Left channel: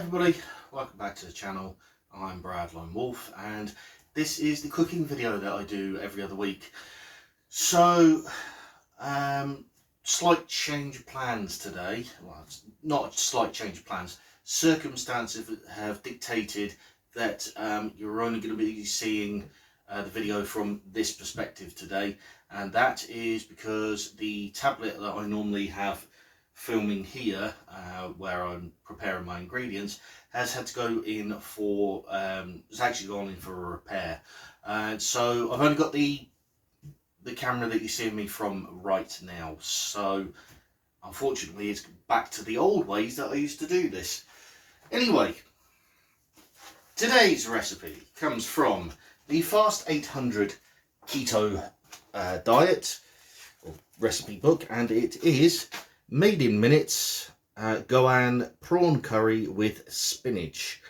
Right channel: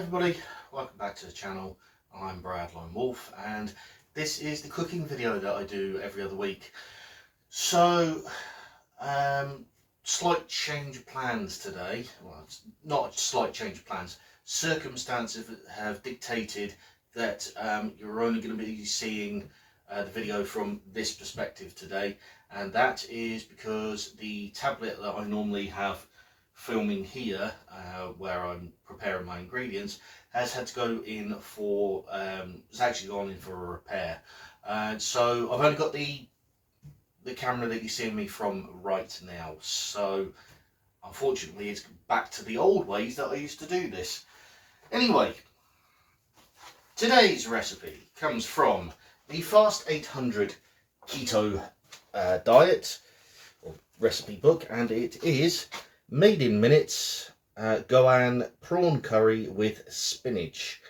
everybody, welcome back to the channel. I'm Brad Lone Wolf and this is the cooking video that I do every other week. So, slight change of plans today. Well, it's not a slight change of plans. Circumstances have dictated that you're only going to be seeing the video from this perspective today, and that is because the tablet that I normally have filming here, where I'm preparing my ingredients, has had to go in for, it's actually gone in for a repair. So I've only got the camera that you're seeing me from right now. So unfortunately it's back to the old ways that I used to do this. Anyway, today's recipe comes from the Fast 800 Keto Diet, or recipe book, and it is made in minutes Goan prawn curry with spinach,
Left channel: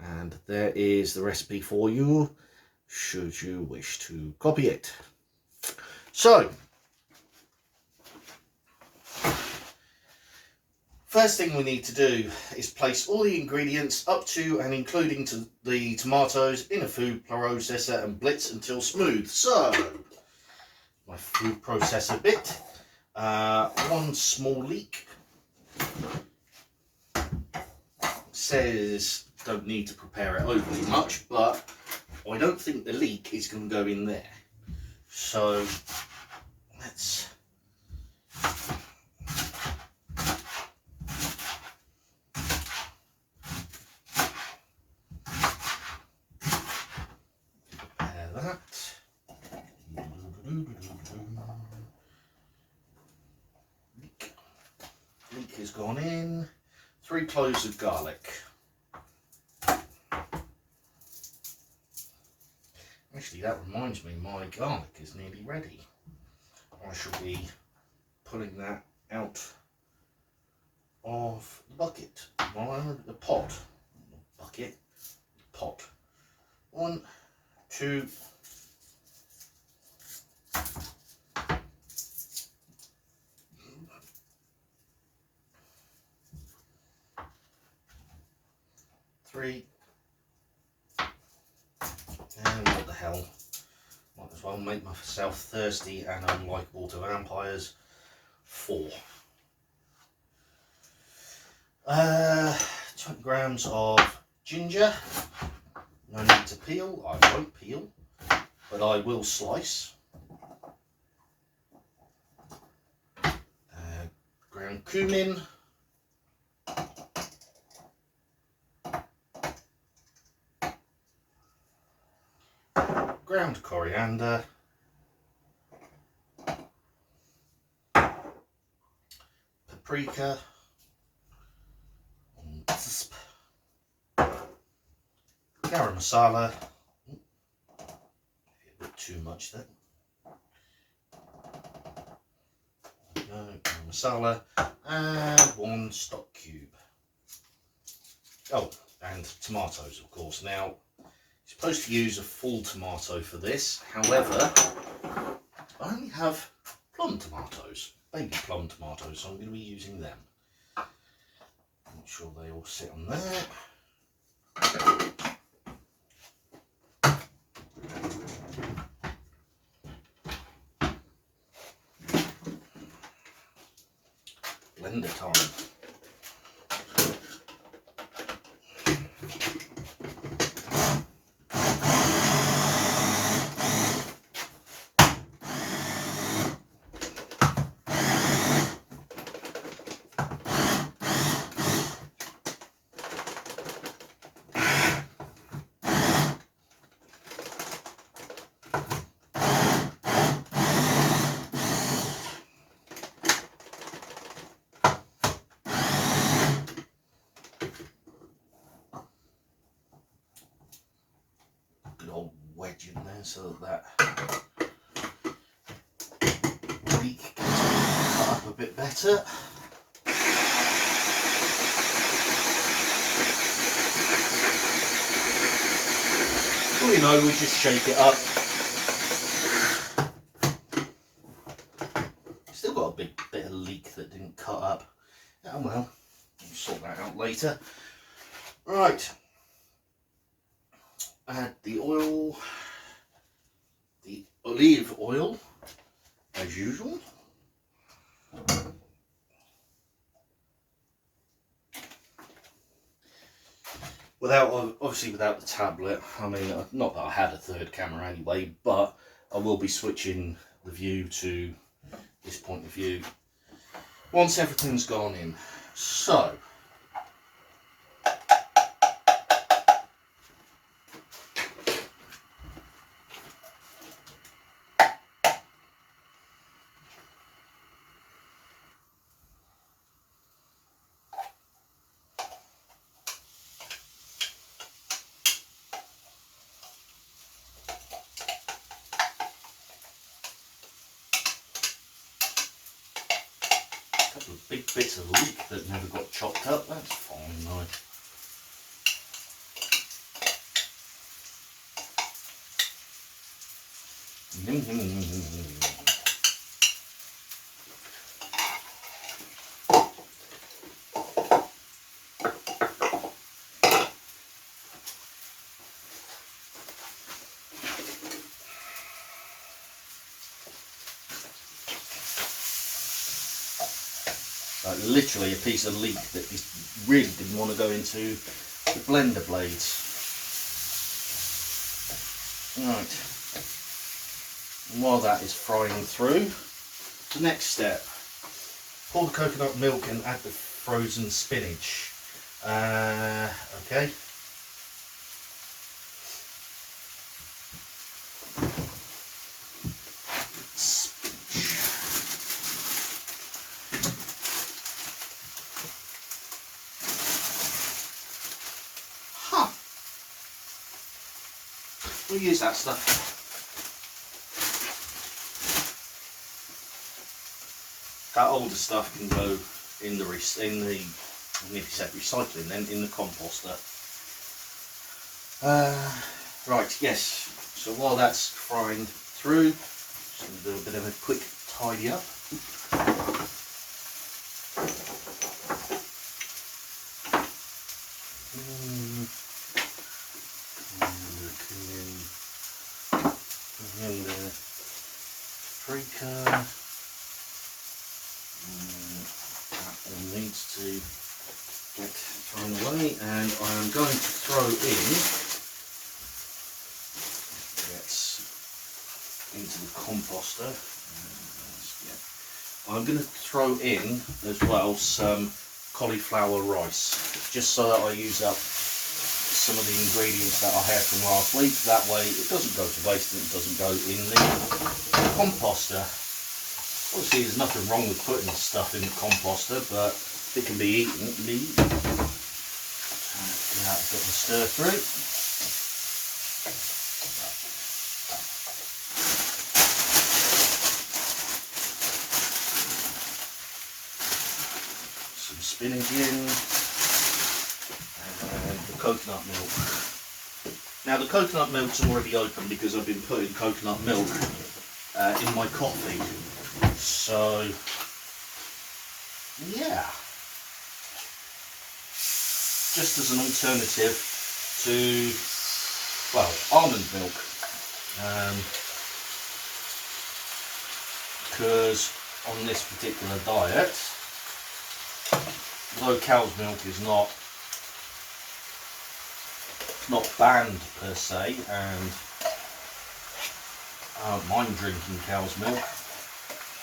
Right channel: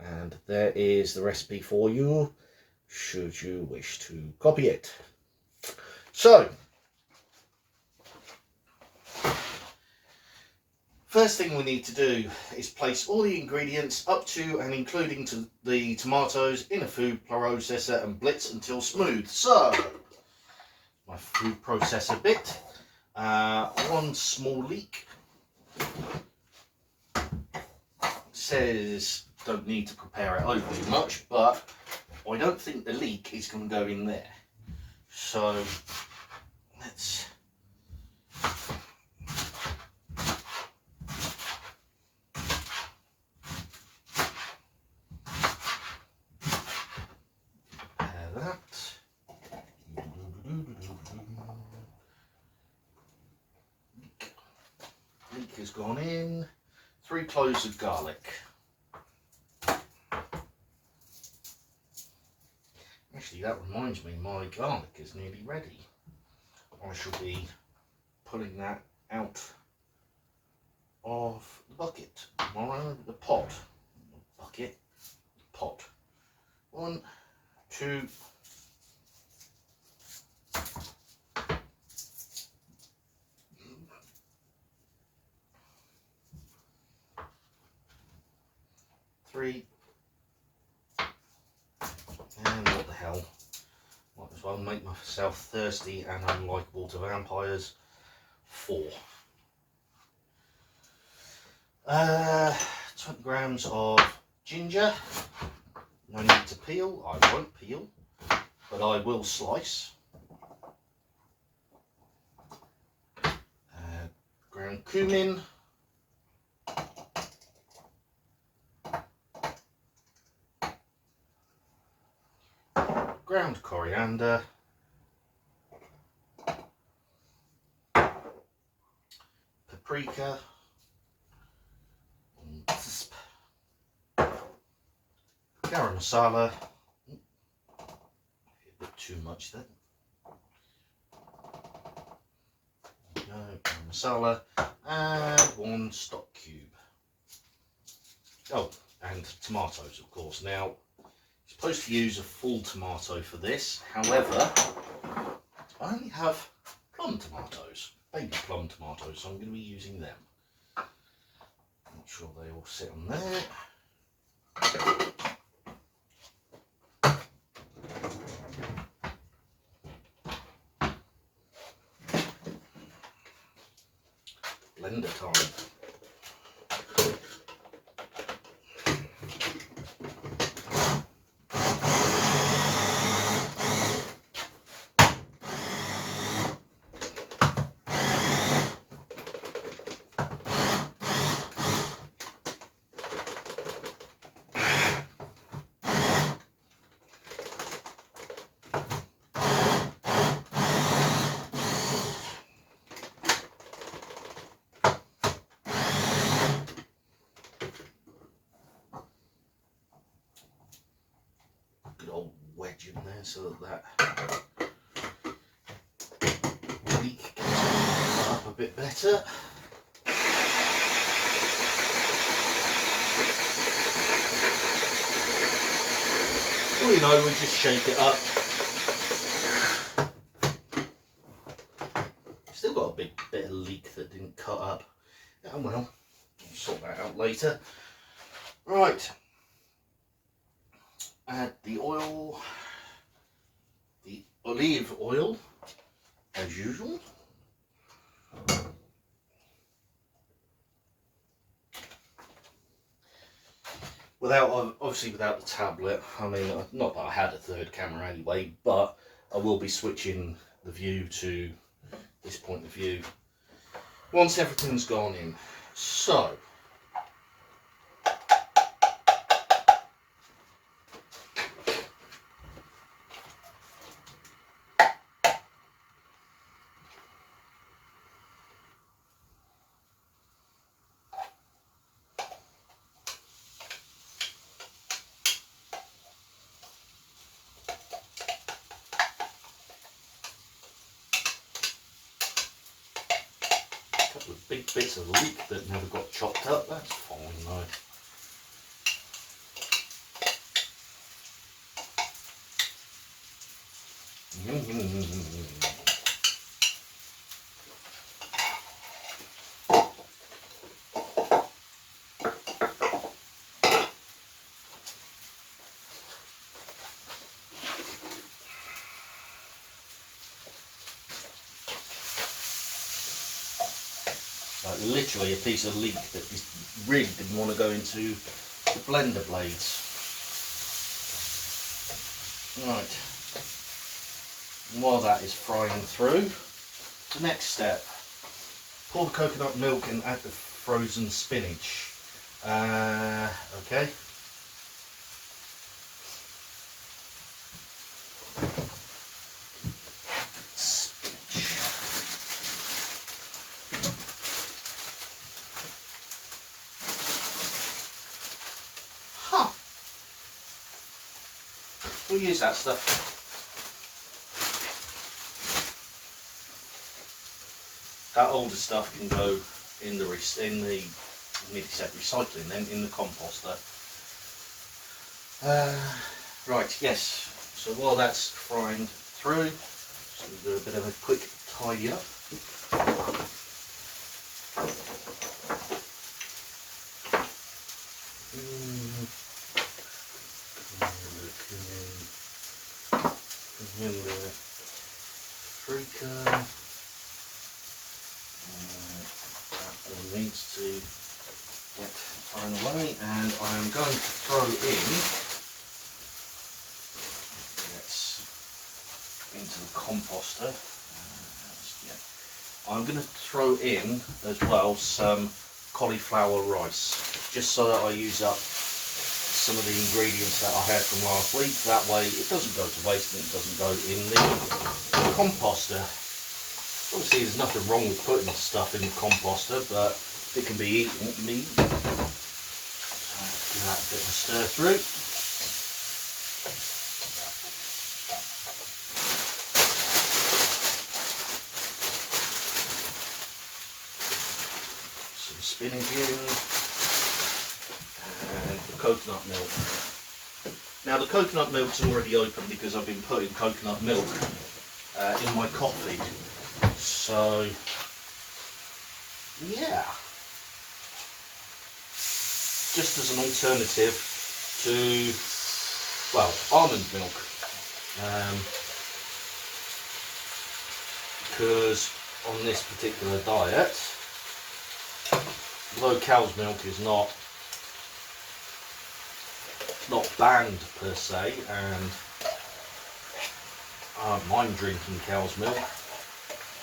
and there is the recipe for you should you wish to copy it. So first thing we need to do is place all the ingredients up to and including the tomatoes in a food processor and blitz until smooth. So my food processor bit, one small leek. Says don't need to prepare it overly much, but I don't think the leek is going to go in there. So let's prepare that. Leek has gone in. 3 cloves of garlic. Actually, that reminds me, my garlic is nearly ready. I shall be pulling that out of the bucket. The pot. Bucket. Pot. 1, 2. 3, and what the hell, might as well make myself thirsty and unlikable to vampires. 4. 20 grams of ginger. No need to peel. I won't peel, but I will slice. Ground cumin. Ground coriander, paprika, garam masala, a bit too much there. There we go, garam masala, and 1 stock cube. Oh, and tomatoes, of course. Now, you're supposed to use a full tomato for this, however, I only have plum tomatoes, baby plum tomatoes, so I'm going to be using them. Make sure they all sit on there. Blender time. Old wedge in there so that leek can cut up a bit better. All you know, we just shake it up. Still got a big bit of leek that didn't cut up. Oh well, we'll sort that out later. Right, add the oil, the olive oil, as usual. Obviously without the tablet, I mean, not that I had a third camera anyway, but I will be switching the view to this point of view once everything's gone in. So, a couple of big bits of leek that never got chopped up, that's fine though. Like literally a piece of leek that really didn't want to go into the blender blades. Right, and while that is frying through, the next step, pour the coconut milk and add the frozen spinach. Okay. Huh. We'll use that stuff. That older stuff can go in the I nearly said recycling then, in the composter. Right, yes. So while that's frying through, just going to do a bit of a quick tidy up. Paprika. That all needs to get thrown away, and I am going to throw in, into the composter. Yeah. I'm going to throw in as well some cauliflower rice, just so that I use up some of the ingredients that I had from last week. That way it doesn't go to waste and it doesn't go in the composter. Obviously there's nothing wrong with putting stuff in the composter, but if it can be eaten, it can be eaten. Give that a bit of a stir through. Some spinach in, and the coconut milk. Now the coconut milk's already open because I've been putting coconut milk in my coffee. So, yeah, just as an alternative to, well, almond milk, because on this particular diet, although cow's milk is not banned per se, and I don't mind drinking cow's milk,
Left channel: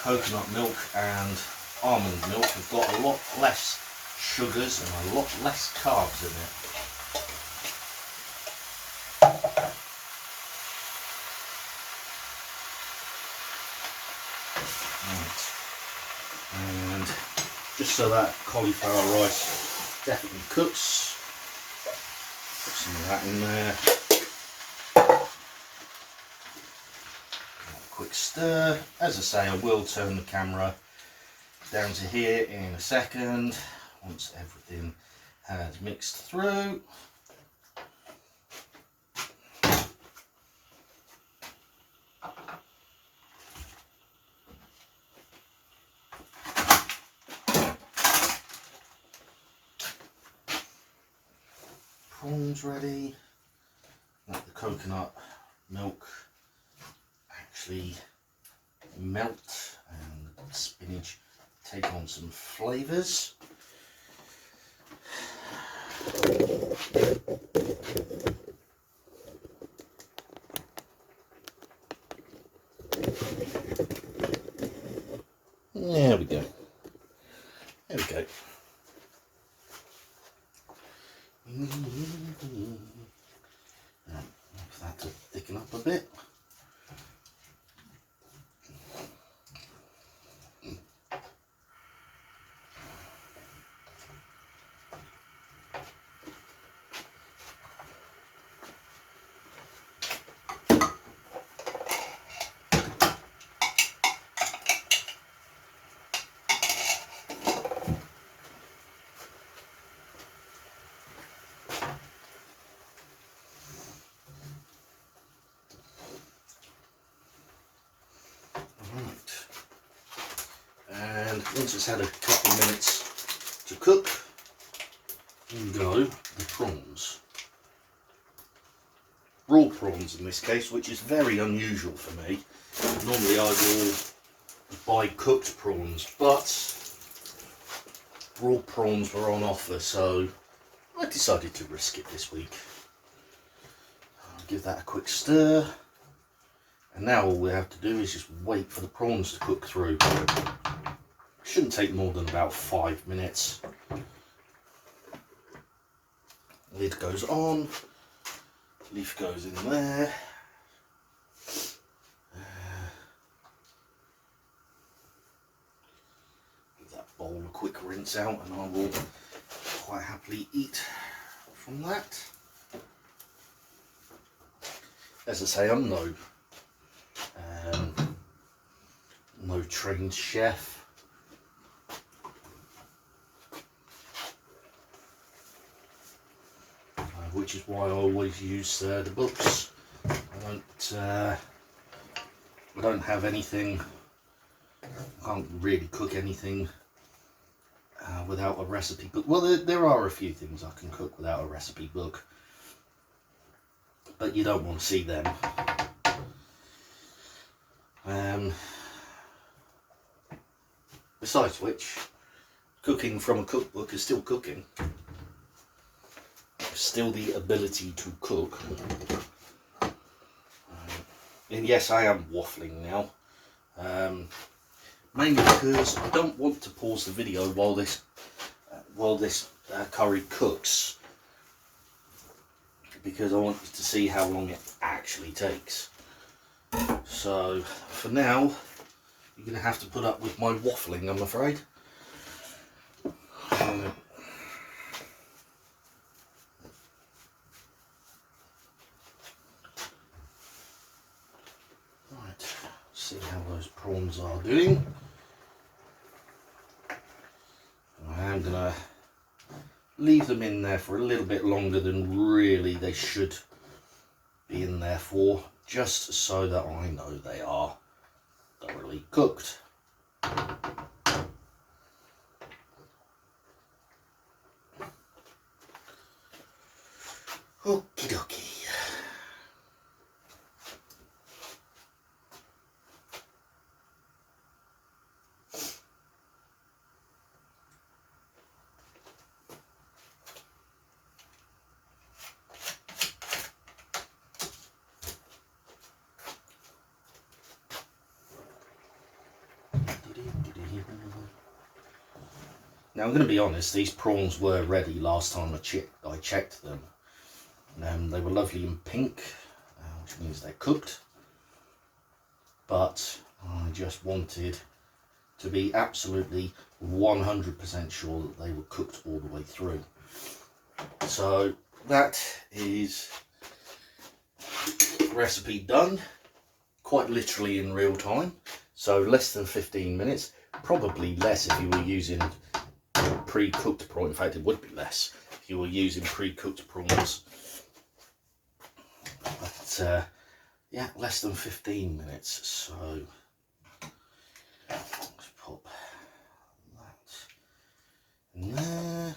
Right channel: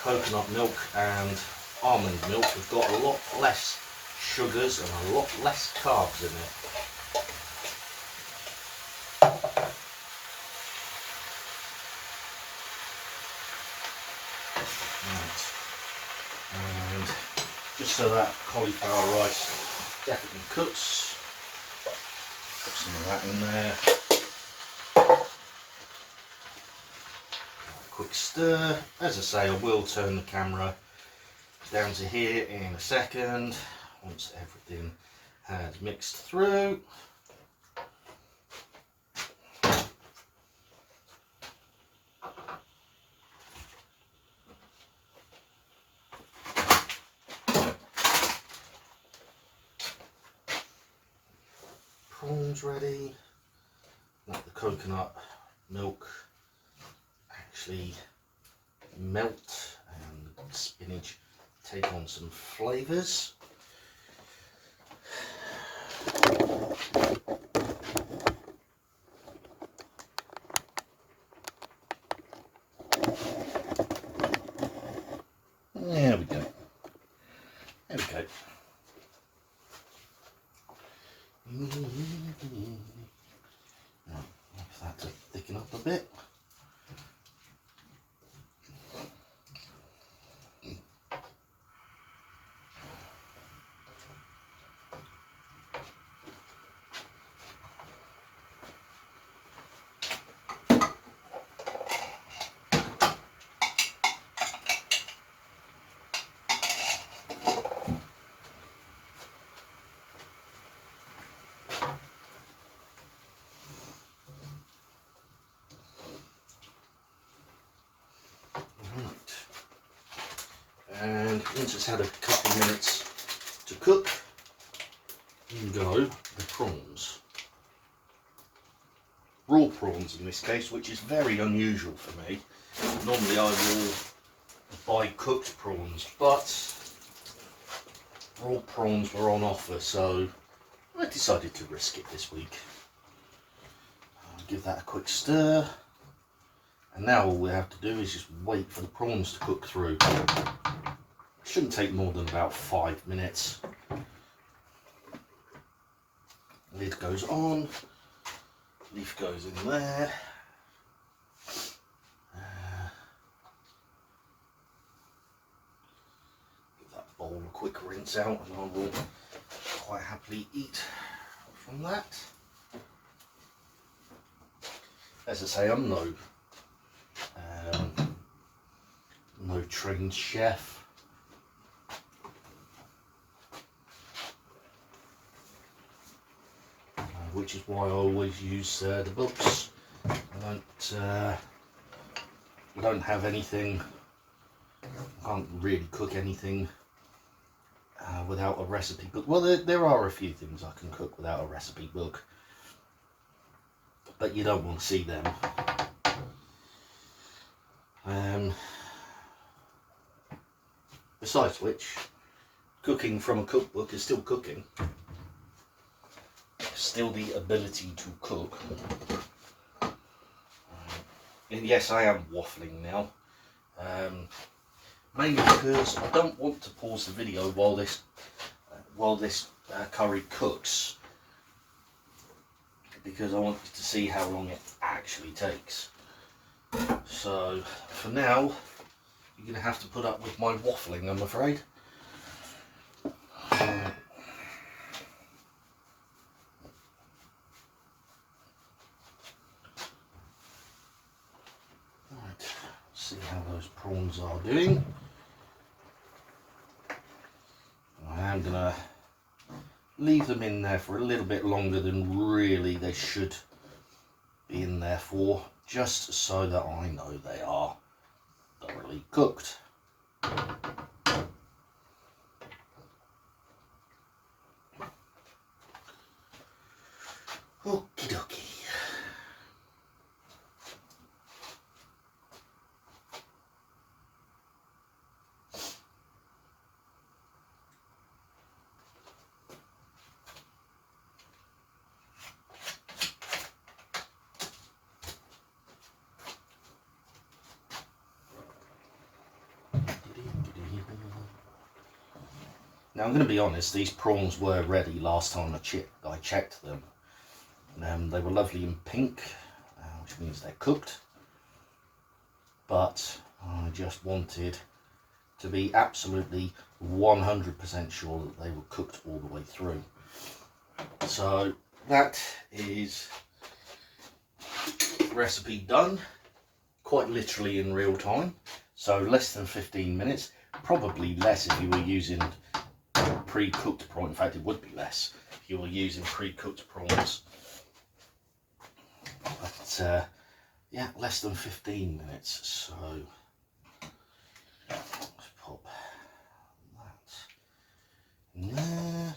coconut milk and almond milk have got a lot less sugars and a lot less carbs in it. Right. And just so that cauliflower rice definitely cooks, put some of that in there. Quick stir. As I say, I will turn the camera down to here in a second once everything has mixed through. prawns ready. Let the coconut milk actually melt and the spinach take on some flavours. There we go. There we go. Now, for that to thicken up a bit. And once it's had a couple of minutes to cook, in go the prawns. Raw prawns in this case, which is very unusual for me. Normally I will buy cooked prawns, but raw prawns were on offer, so I decided to risk it this week. I'll give that a quick stir, and now all we have to do is just wait for the prawns to cook through. Shouldn't take more than about 5 minutes. Lid goes on, leaf goes in there. Give that bowl a quick rinse out, and I will quite happily eat from that. As I say, I'm no trained chef. Which is why I always use the books. I don't have anything. I can't really cook anything without a recipe book. Well, there are a few things I can cook without a recipe book, but you don't want to see them. Besides which, cooking from a cookbook is still cooking. Still the ability to cook. And yes, I am waffling now, mainly because I don't want to pause the video while this curry cooks, because I want you to see how long it actually takes. So for now, you're going to have to put up with my waffling, I'm afraid. See how those prawns are doing. I am going to leave them in there for a little bit longer than really they should be in there for, just so that I know they are thoroughly cooked. Okie dokie. Now I'm going to be honest, these prawns were ready last time I checked them. They were lovely and pink, which means they're cooked. But I just wanted to be absolutely 100% sure that they were cooked all the way through. So that is recipe done, quite literally in real time. So less than 15 minutes, probably less if you were using pre-cooked prawn. In fact, it would be less if you were using pre-cooked prawns. But yeah, less than 15 minutes. So let's pop that in there.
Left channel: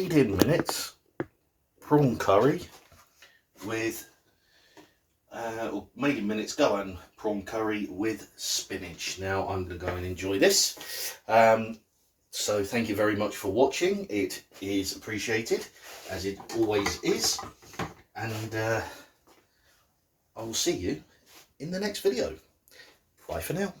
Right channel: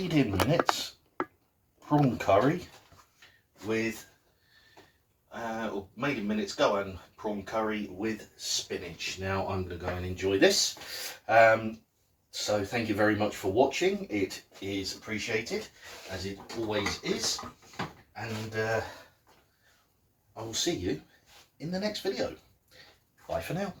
made in minutes prawn curry with or made in minutes Goan prawn curry with spinach. Now I'm going to go and enjoy this. So thank you very much for watching. It is appreciated, as it always is, and I will see you in the next video. Bye for now.